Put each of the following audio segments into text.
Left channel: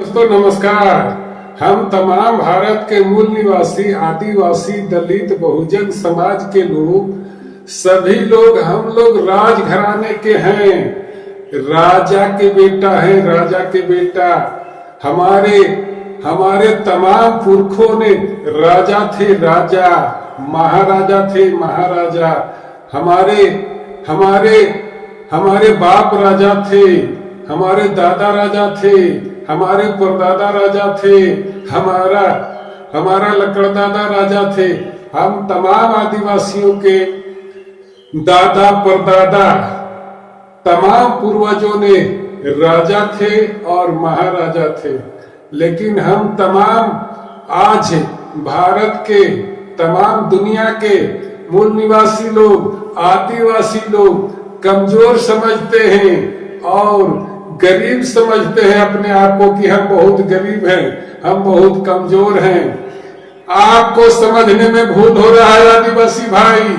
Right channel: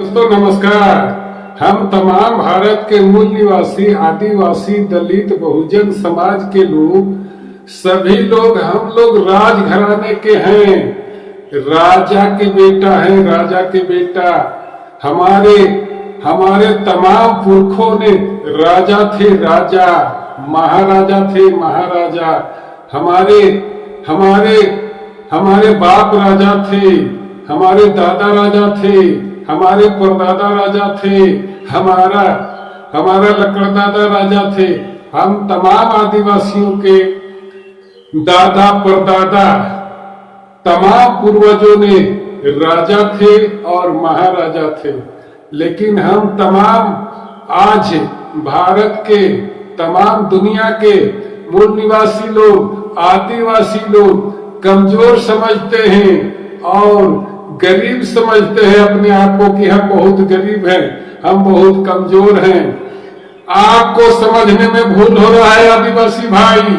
दोस्तों नमस्कार। हम तमाम भारत के मूल निवासी आदिवासी दलित बहुजन समाज के लोग सभी लोग हम लोग राजघराने के हैं, राजा के बेटा हैं, राजा के बेटा। हमारे हमारे तमाम पुरखों ने राजा थे, राजा महाराजा थे, महाराजा। हमारे हमारे हमारे बाप राजा थे, हमारे दादा राजा थे, हमारे परदादा राजा थे, हमारा हमारा लकड़दादा राजा थे। हम तमाम आदिवासियों के दादा परदादा तमाम पूर्वजों ने राजा थे और महाराजा थे। लेकिन हम तमाम आज भारत के तमाम दुनिया के मूल निवासी लोग आदिवासी लोग कमजोर समझते हैं और गरीब समझते हैं अपने आप को कि हम बहुत गरीब हैं, हम बहुत कमजोर हैं। आपको समझने में भूल हो रहा है आदिवासी भाई,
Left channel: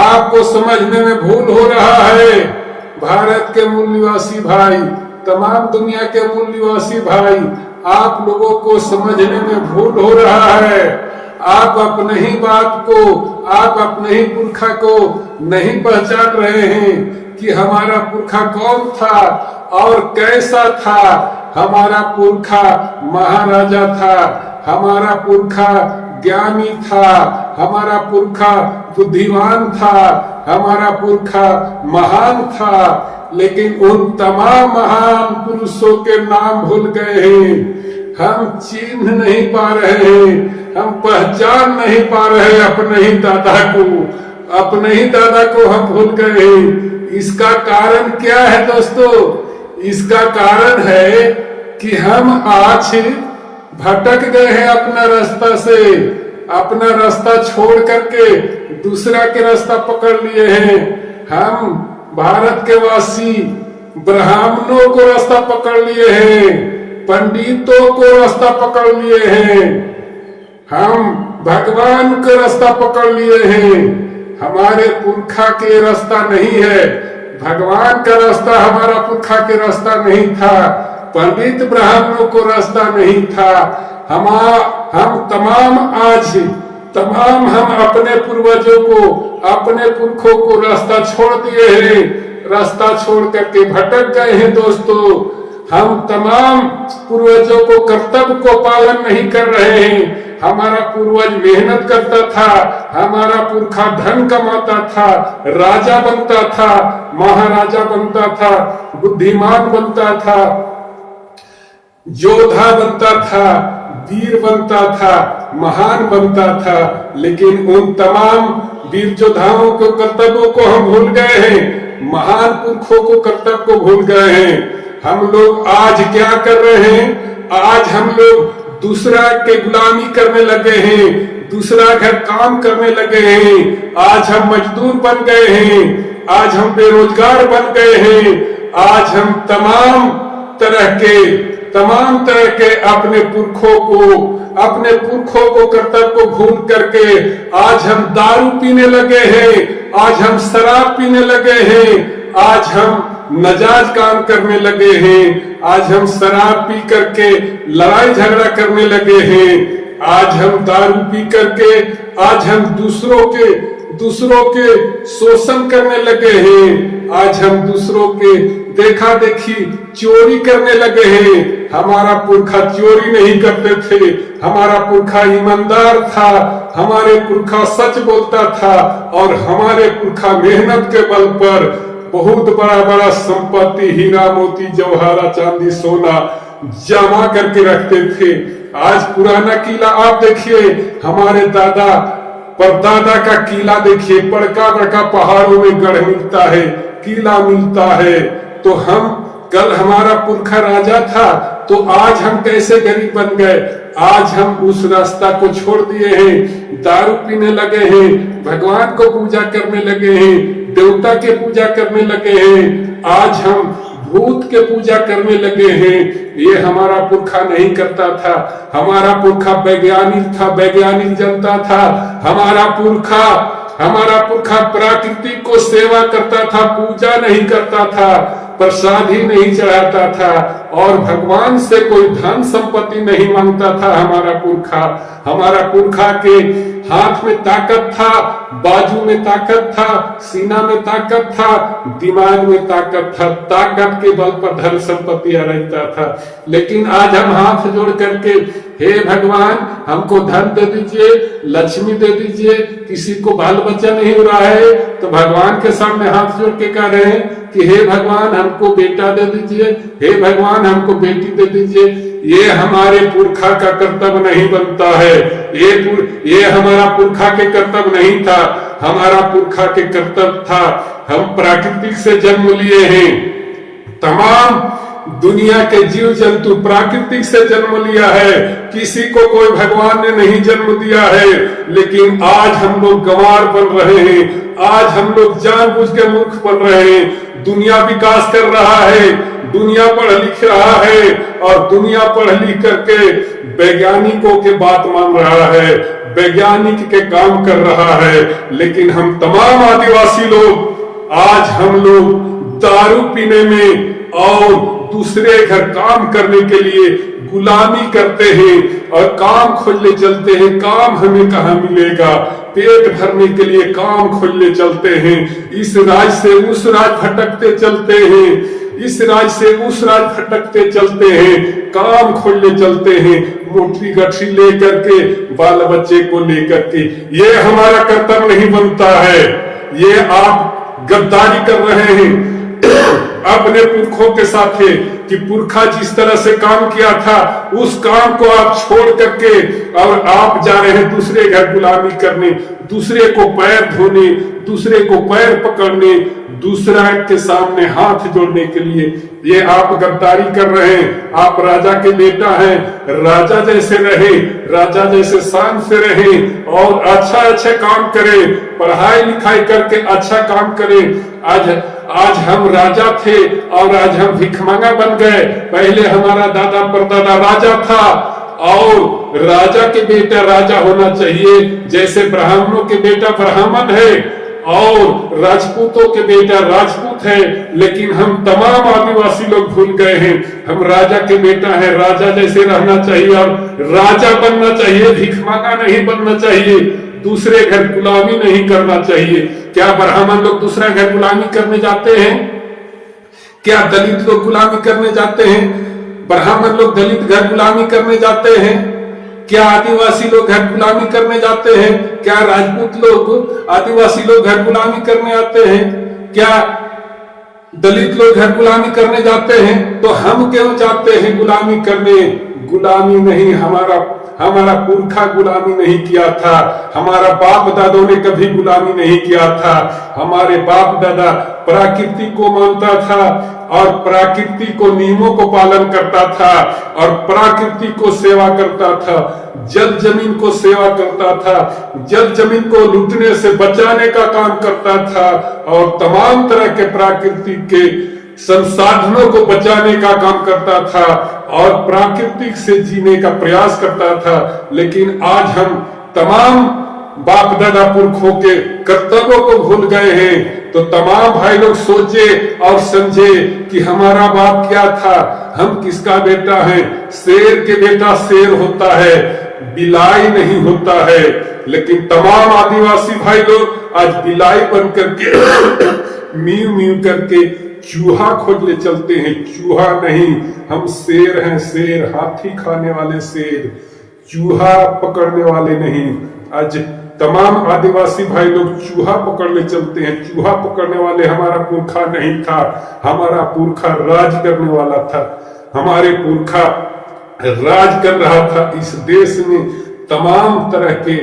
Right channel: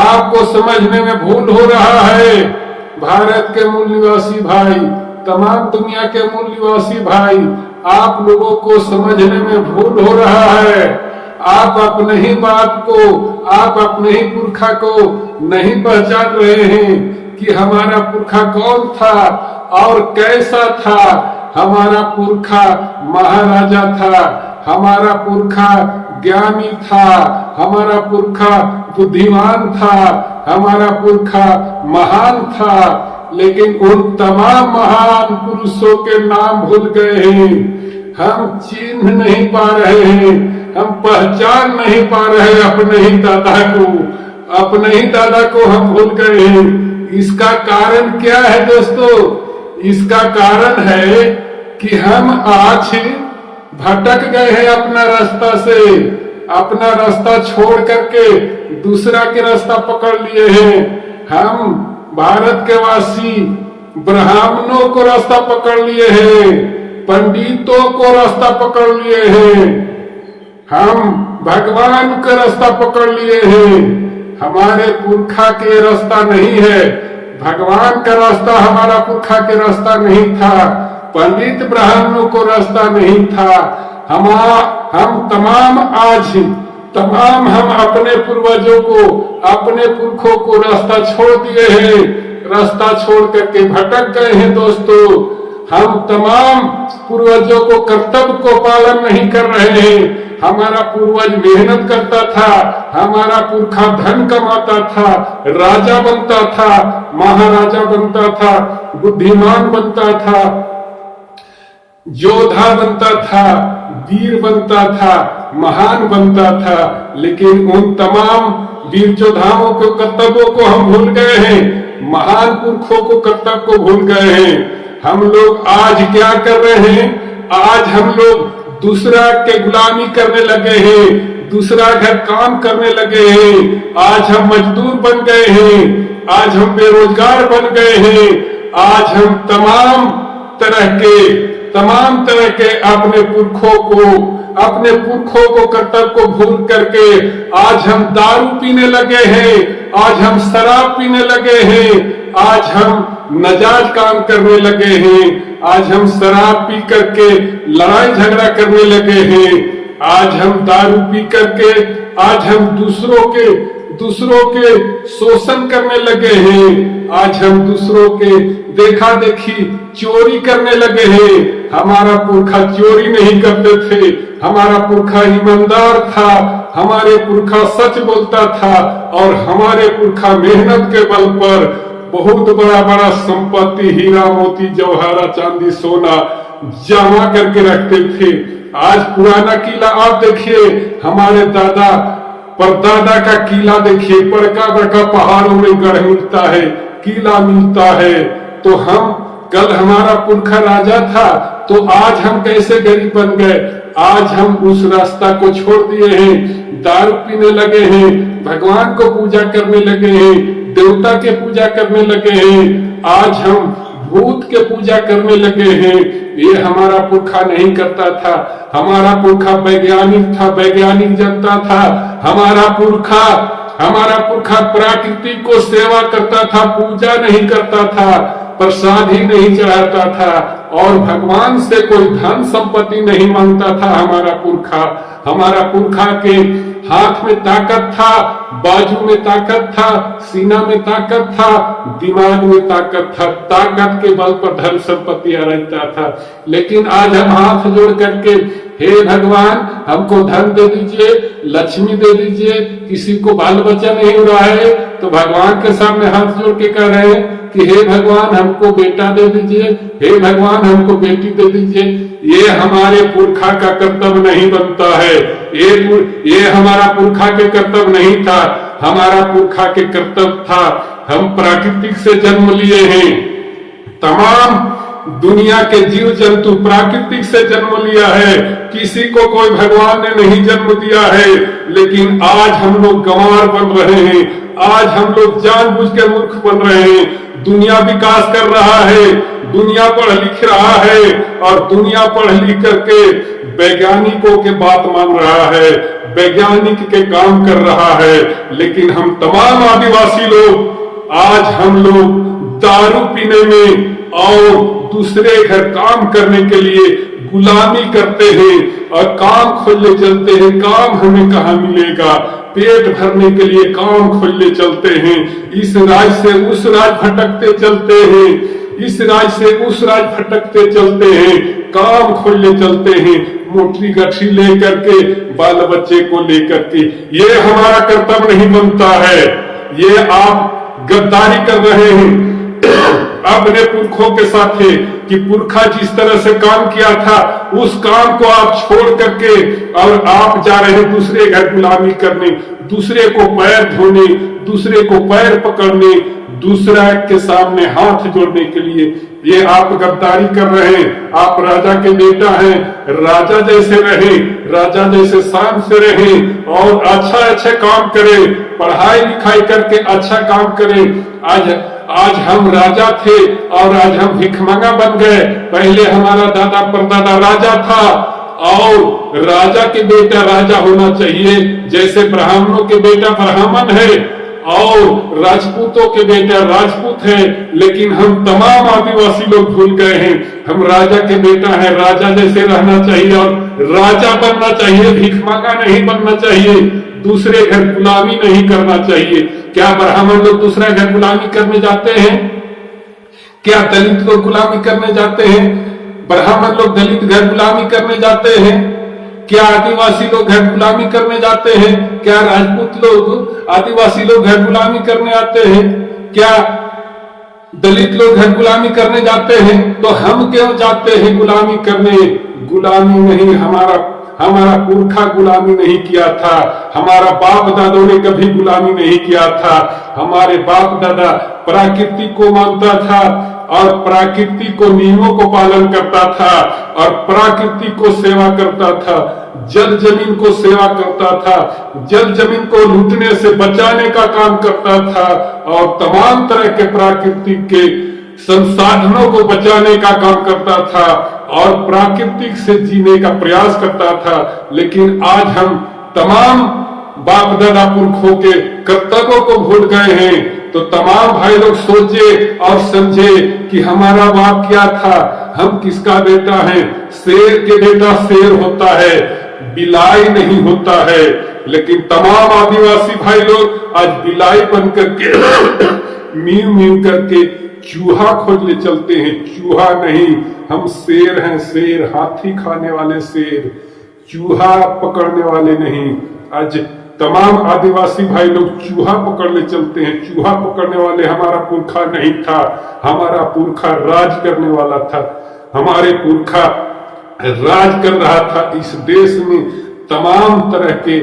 आपको समझने में भूल हो रहा है भारत के मूल निवासी भाई, तमाम दुनिया के मूल निवासी भाई। आप लोगों को समझने में भूल हो रहा है। आप अपने ही बात को, आप अपने ही पुरखा को नहीं पहचान रहे हैं कि हमारा पुरखा कौन था और कैसा था। हमारा पुरखा महाराजा था, हमारा पुरखा ज्ञानी था, हमारा पुरखा बुद्धिमान था, हमारा पुरखा महान था। लेकिन उन तमाम महान पुरुषों के नाम भूल गए हैं। हम चिन्ह नहीं पा रहे हैं, हम पहचान नहीं पा रहे अपने ही दादा को, अपने ही दादा को हम भूल गए हैं। इसका कारण क्या है दोस्तों? इसका कारण है कि हम आज भटक गए हैं अपना रास्ता से, अपना रास्ता छोड़ करके दूसरा के रास्ता पकड़ लिए हैं। हम भारत के वासी ब्राह्मणों को रास्ता पकड़ लिए हैं, पंडितों को रास्ता पकड़ लिए हैं, हम भगवान का रास्ता पकड़ लिए हैं। हमारे पुरखा के रास्ता नहीं है, भगवान का रास्ता हमारा पुरखा के रास्ता नहीं था, पंडित ब्राह्मणों को रास्ता नहीं था। हम तमाम हम अपने पूर्वजों को, अपने पुरखों को रास्ता छोड़ दिए हैं, रास्ता छोड़ करके भटक गए हैं दोस्तों। हम तमाम पूर्वजों को कर्तव्य को पालन नहीं कर रहे हैं। हमारा पूर्वज मेहनत करता था, हमारा पुरखा धन कमाता था, राजा बनता था, महाराजा बनता था, बुद्धिमान बनता था, योद्धा बनता था, वीर बनता था, महान बनता था। लेकिन उन तमाम वीर योद्धाओं के कर्तव्यों को हम भूल गए हैं, महान पुरखों को कर्तव्य को भूल गए हैं। हम लोग आज क्या कर रहे हैं? आज हम लोग दूसरा के गुलामी करने लगे हैं, दूसरा घर काम करने लगे हैं। आज हम मजदूर बन गए हैं, आज हम बेरोजगार बन गए हैं। आज हम तमाम तरह के अपने पुरखों को कर्तव्य को भूल करके आज हम दारू पीने लगे हैं, आज हम शराब पीने लगे हैं, आज हम नाजायज काम करने लगे हैं, आज हम शराब पी करके लड़ाई झगड़ा करने लगे हैं, आज हम दारू पी करके आज हम दूसरों के शोषण करने लगे हैं, आज हम दूसरों के देखा देखी चोरी करने लगे हैं। हमारा पुरखा चोरी नहीं करते थे, हमारा पुरखा ईमानदार था, हमारे पुरखा सच बोलता था और हमारे पुरखा मेहनत के बल पर बहुत बड़ा बड़ा संपत्ति हीरा मोती जवाहरा चांदी सोना जमा करके रखते थे। आज पुराना किला आप देखिए, हमारे दादा परदादा का किला देखिए, बड़का बड़का पहाड़ों में गढ़ मिलता है, किला मिलता है। तो हम कल हमारा पुरखा राजा था, तो आज हम कैसे गरीब बन गए? आज हम उस रास्ता को छोड़ दिए हैं, दारू पीने लगे हैं, भगवान को पूजा करने लगे हैं, देवता के पूजा करने लगे हैं, आज हम भूत के पूजा करने लगे हैं। ये हमारा पुरखा नहीं करता था। हमारा पुरखा वैज्ञानिक था, वैज्ञानिक जनता था। हमारा पुरखा प्रकृति को सेवा करता था, पूजा नहीं करता था। प्रसाद ही नहीं चढ़ाता था और भगवान से कोई धन संपत्ति नहीं मांगता था हमारा पुरखा के हाथ में ताकत था, बाजू में ताकत था, सीना में ताकत था, दिमाग में ताकत था, ताकत के बल पर धन संपत्ति रहता था। लेकिन आज हम हाथ जोड़ करके हे भगवान हमको धन दे दीजिए, लक्ष्मी दे दीजिए, किसी को बाल बच्चा नहीं हो रहा है तो भगवान के सामने हाथ जोड़ के कह रहे हैं कि हे भगवान हमको बेटा दे दीजिए, हे भगवान हमको बेटी दे दीजिए। ये हमारे पुरखा का कर्तव्य नहीं बनता है, ये हमारा पुरखा के कर्तव्य नहीं था। हमारा पुरखा के कर्तव्य था, हम प्राकृतिक से जन्म लिए हैं। तमाम दुनिया के जीव जंतु प्राकृतिक से जन्म लिया है, किसी को कोई भगवान ने नहीं जन्म दिया है। लेकिन आज हम लोग गंवार बन रहे हैं, आज हम लोग जानबूझ के मूर्ख बन रहे हैं। दुनिया विकास कर रहा है, दुनिया पढ़ लिख रहा है और दुनिया पढ़ लिख करके वैज्ञानिकों के बात मान रहा है, वैज्ञानिक के काम कर रहा है। लेकिन हम तमाम आदिवासी लोग आज हम लोग दारू पीने में और दूसरे घर काम करने के लिए गुलामी करते हैं और काम खोजने चलते हैं। काम हमें कहाँ मिलेगा, पेट भरने के लिए काम खोजने चलते हैं। इस राज से उस राज भटकते चलते हैं, इस राज से उस राज भटकते चलते हैं, काम खोजने चलते हैं, मोटी गठरी लेकर के, बाल बच्चे को लेकर के। ये हमारा कर्तव्य नहीं बनता है, ये आप गद्दारी कर रहे हैं अपने पुरखों के साथ है कि पुरखा जिस तरह से काम किया था उस काम को आप छोड़ करके और आप जा रहे हैं दूसरे घर गुलामी करने, दूसरे को पैर धोने, दूसरे को पैर पकड़ने, दूसरा के सामने हाथ जोड़ने के लिए। ये आप गद्दारी कर रहे हैं। आप राजा के बेटा हैं, राजा जैसे रहे, राजा जैसे शान से रहे और अच्छा काम करें, पढ़ाई लिखाई करके अच्छा काम करें। आज हम राजा थे और आज हम भिखमंगा बन गए। पहले हमारा दादा परदादा राजा था और राजा के बेटा राजा होना चाहिए, जैसे ब्राह्मणों के बेटा ब्राह्मण है और राजपूतों के बेटा राजपूत है। लेकिन हम तमाम आदिवासी लोग भूल गए हैं, हम राजा के बेटा है, राजा जैसे रहना चाहिए और राजा बनना चाहिए, भिखमंगा नहीं बनना चाहिए, दूसरे घर गुलामी नहीं करना चाहिए। क्या ब्राह्मण लोग दूसरा घर गुलामी करने जाते हैं? क्या दलित लोग गुलामी करने जाते हैं? ब्राह्मण लोग दलित घर गुलामी करने जाते हैं? क्या आदिवासी लोग घर गुलामी करने जाते हैं? क्या राजपूत लोग आदिवासी लोग घर गुलामी करने आते हैं? क्या दलित लोग घर गुलामी करने जाते हैं? तो हम क्यों जाते हैं गुलामी करने? गुलामी नहीं, हमारा पुरखा गुलामी नहीं किया था, हमारा बाप दादों ने कभी गुलामी नहीं किया था। हमारे बाप दादा प्रकृति को मानता था और प्रकृति को नियमों को पालन करता था और प्रकृति को सेवा करता था, जल जमीन को सेवा करता था, जल जमीन को लूटने से बचाने का काम करता था और तमाम तरह के प्रकृति के संसाधनों को बचाने का काम करता था और प्राकृतिक से जीने का प्रयास करता था। लेकिन आज हम तमाम बाप दादा पुरखों के कर्तव्यों को भूल गए हैं। तो तमाम भाई लोग सोचे और समझे कि हमारा बाप क्या था, हम किसका बेटा है। शेर के बेटा शेर होता है, बिलाई नहीं होता है। लेकिन तमाम आदिवासी भाई लोग आज बिलाई बन करके मीव मीव करके चूहा खोजने चलते हैं। चूहा नहीं, हम शेर हैं, शेर, हाथी खाने वाले शेर, चूहा पकड़ने वाले नहीं। आज तमाम आदिवासी भाई लोग चूहा पकड़ने चलते हैं। चूहा पकड़ने वाले हमारा पुरखा नहीं था, हमारा पुरखा राज करने वाला था। हमारे पुरखा राज कर रहा था इस देश में, तमाम तरह के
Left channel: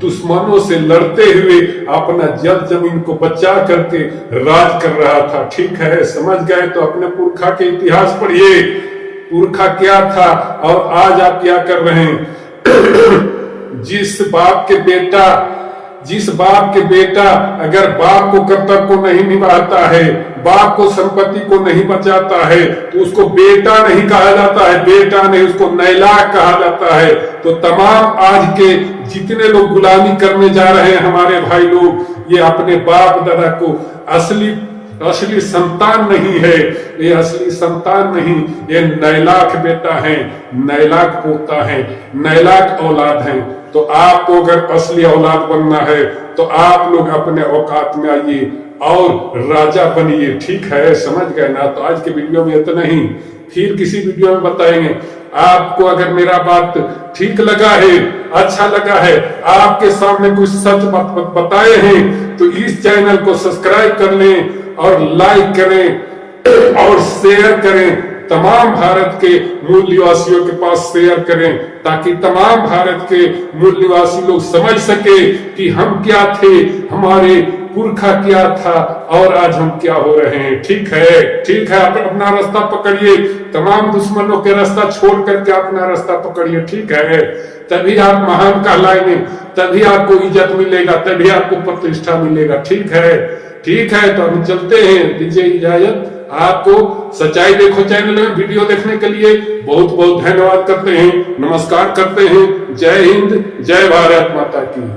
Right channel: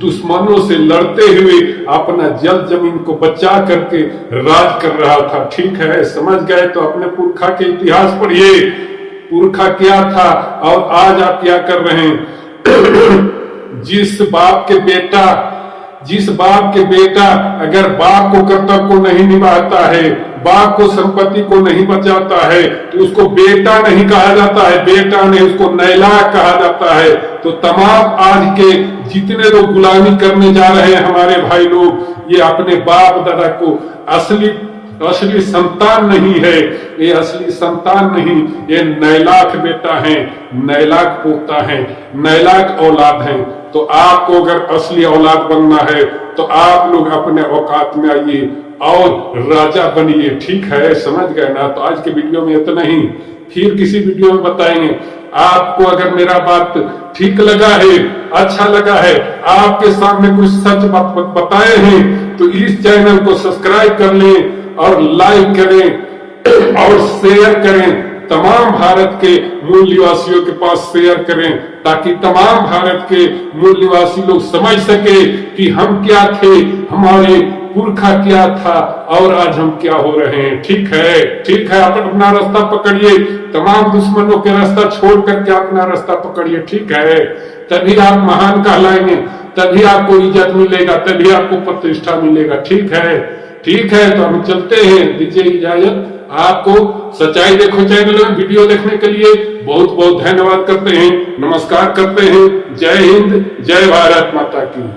दुश्मनों से लड़ते हुए अपना जल जमीन को बचा करके राज कर रहा था। ठीक है, समझ गए तो अपने पुरखा के इतिहास पढ़िए, पुरखा क्या था और आज आप क्या कर रहे हैं। जिस बाप के बेटा अगर बाप को कर्तव्य को नहीं निभाता है, बाप को संपत्ति को नहीं बचाता है, तो उसको बेटा नहीं कहा जाता है, बेटा नहीं, उसको नैलाक कहा जाता है। तो तमाम आज के जितने लोग गुलामी करने जा रहे हैं हमारे भाई लोग, ये अपने बाप दादा को असली असली संतान नहीं है, ये असली संतान नहीं, ये नैलाख बेटा है, नैलाख पोता है, नैलाख औलाद है। तो आपको अगर असली औलाद बनना है तो आप लोग अपने औकात में आइए और राजा बनिए। ठीक है, समझ गए ना? तो आज के वीडियो में इतना ही, फिर किसी वीडियो में बताएंगे। आपको अगर मेरा बात ठीक लगा है, अच्छा लगा है, आपके सामने कुछ सच बात बताए हैं, तो इस चैनल को सब्सक्राइब कर लें और लाइक करें और शेयर करें। तमाम भारत के मूल निवासियों के पास शेयर करें, ताकि तमाम भारत के मूल निवासी लोग समझ सके कि हम क्या थे, हमारे पुरखा क्या था और आज हम क्या हो रहे हैं। ठीक है, ठीक है, आप अपना रास्ता पकड़िए, तमाम दुश्मनों के रास्ता छोड़ करके अपना रास्ता पकड़िए। ठीक है, तभी आप महान कहलाएंगे, तभी आपको इज्जत मिलेगा, तभी आपको प्रतिष्ठा मिलेगा। ठीक है, ठीक है, तो हम चलते हैं, दीजिए इजाजत। आपको सच्चाई देखो चैनल में वीडियो देखने के लिए बहुत बहुत धन्यवाद करते हैं, नमस्कार करते हैं। जय हिंद, जय भारत माता की।